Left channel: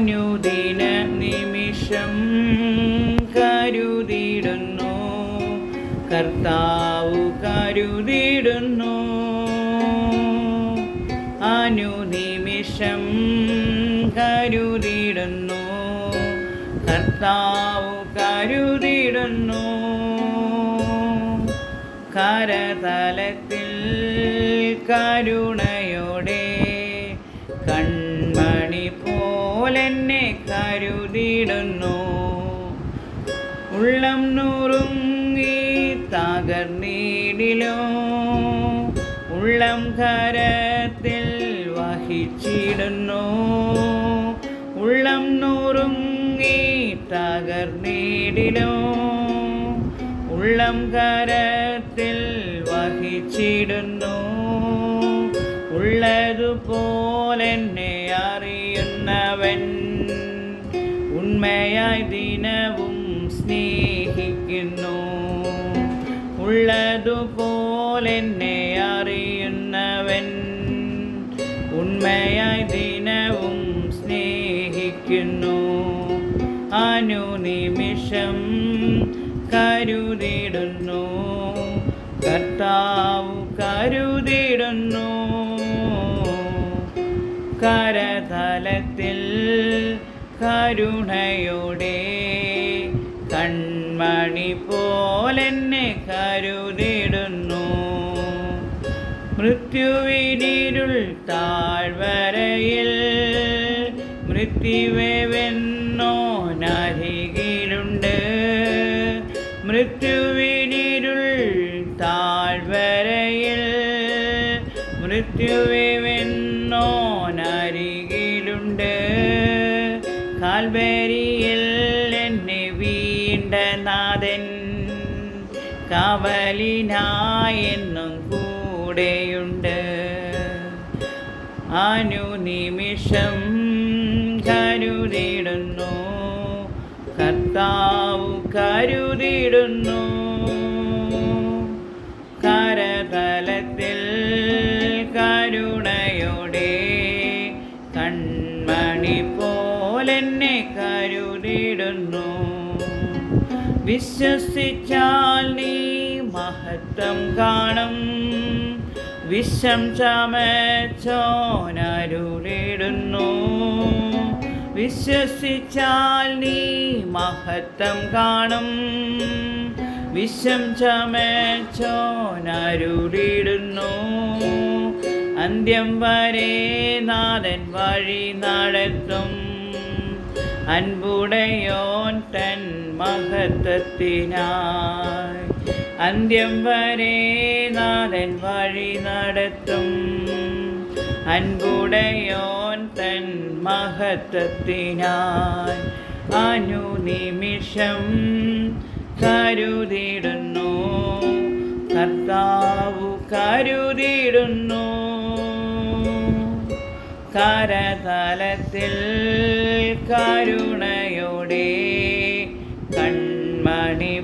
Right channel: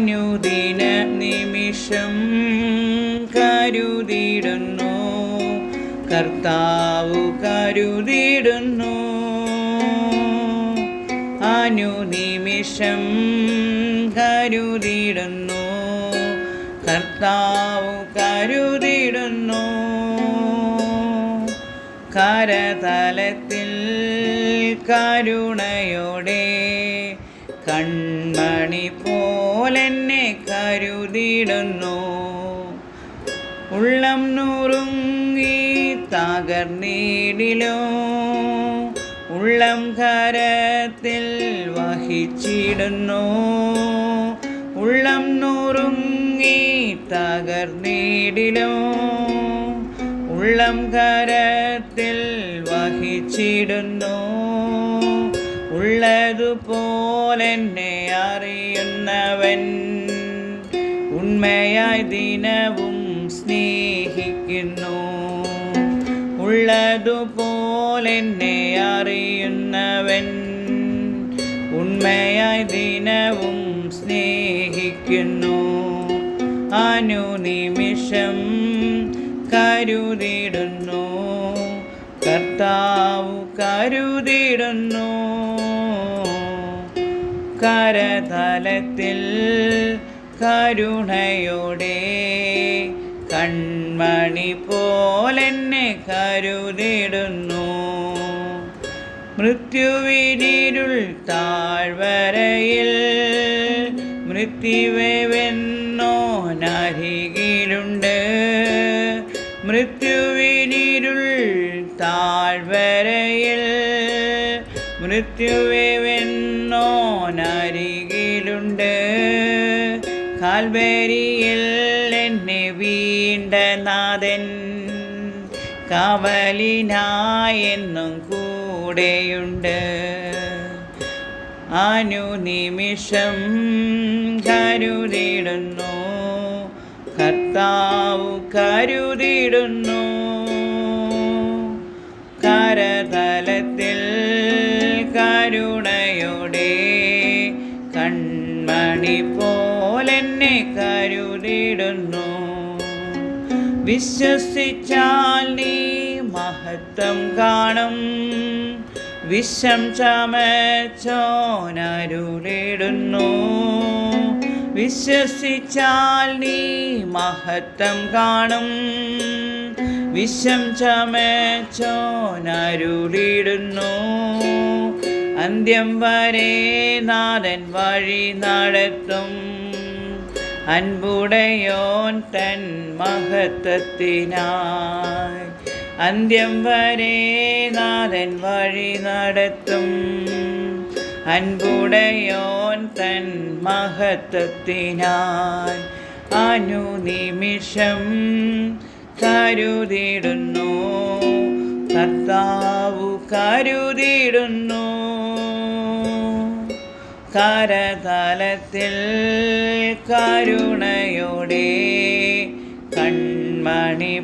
അനുദിന നിമിഷം കരുതിയിടുന്നു, കർത്താവ് കരുതിയിടുന്നു. അനുനിമിഷം കരുതിയിടുന്നു, കർത്താവ് കരുതിയിടുന്നു. കരതലത്തിൽ കരുണയോടെ കൺമണി പോലെന്നെ കരുതിയിടുന്നു. ഉള്ളം നുറുങ്ങി തകർന്നിടിലോ, ഉള്ളം കരത്തിൽ വഹിച്ചിടുന്നു. ഉള്ളം നുറുങ്ങി തകർന്നിടിലോ, ഉള്ളം കരത്തിൽ വഹിച്ചിടുന്നു. ഉള്ളതുപോലെന്നെ അറിയുന്നവൻ ഉണ്മയായി ദിനവും സ്നേഹിക്കുന്നു. ഉള്ളതുപോലെന്നെ അറിയുന്നവൻ ഉണ്മയായി ദിനവും സ്നേഹിക്കുന്നു. അനുനിമിഷം കരുതിയിടുന്നു, കർത്താവ് കരുതിയിടുന്നു. കരതലത്തിൽ കരുണയോടെ കൺമണി പോലെന്നെ കരുതിയിടുന്നു. മൃത്യുവിനിരുൾ താഴ്വരയിൽ മൃത്യുവെന്നോനരികിലുണ്ട്. മൃത്യുവിനിരുൾ താഴ്വരയിൽ മൃത്യുവെന്നോനരികിലുണ്ട്. കാൽവരിയിൽ എന്നെ വീണ്ട നാഥൻ കാവലിനായെന്നും കൂടെയുണ്ട്. അനുനിമിഷം കരുതിയിടുന്നു, കർത്താവ് കരുതിയിടുന്നു. കരതലത്തിൽ കരുണയോടെ കൺമണി പോലെന്നെ കരുതിയിടുന്നു. വിശ്വസിച്ചാൽ നീ മഹത്വം കാണും, വിഷം ചമച്ചോനരുളിടുന്നു. വിശ്വസിച്ചാൽ നീ മഹത്വം കാണും, വിഷം ചമച്ചോനരുളിടുന്നു. അന്ത്യം വരെ നാഥൻ വഴി നടത്തും, അൻപുടയോൻ തൻ മഹത്വത്തിനായി. അന്ത്യം വരെ നാഥൻ വഴി നടത്തും, അൻപുടയോൻ തൻ മഹത്വത്തിനായി. അനുനിമിഷം കരുതിയിടുന്നു, കർത്താവ് കരുതിയിടുന്നു. കരതലത്തിൽ കരുണയോടെ കൺമണി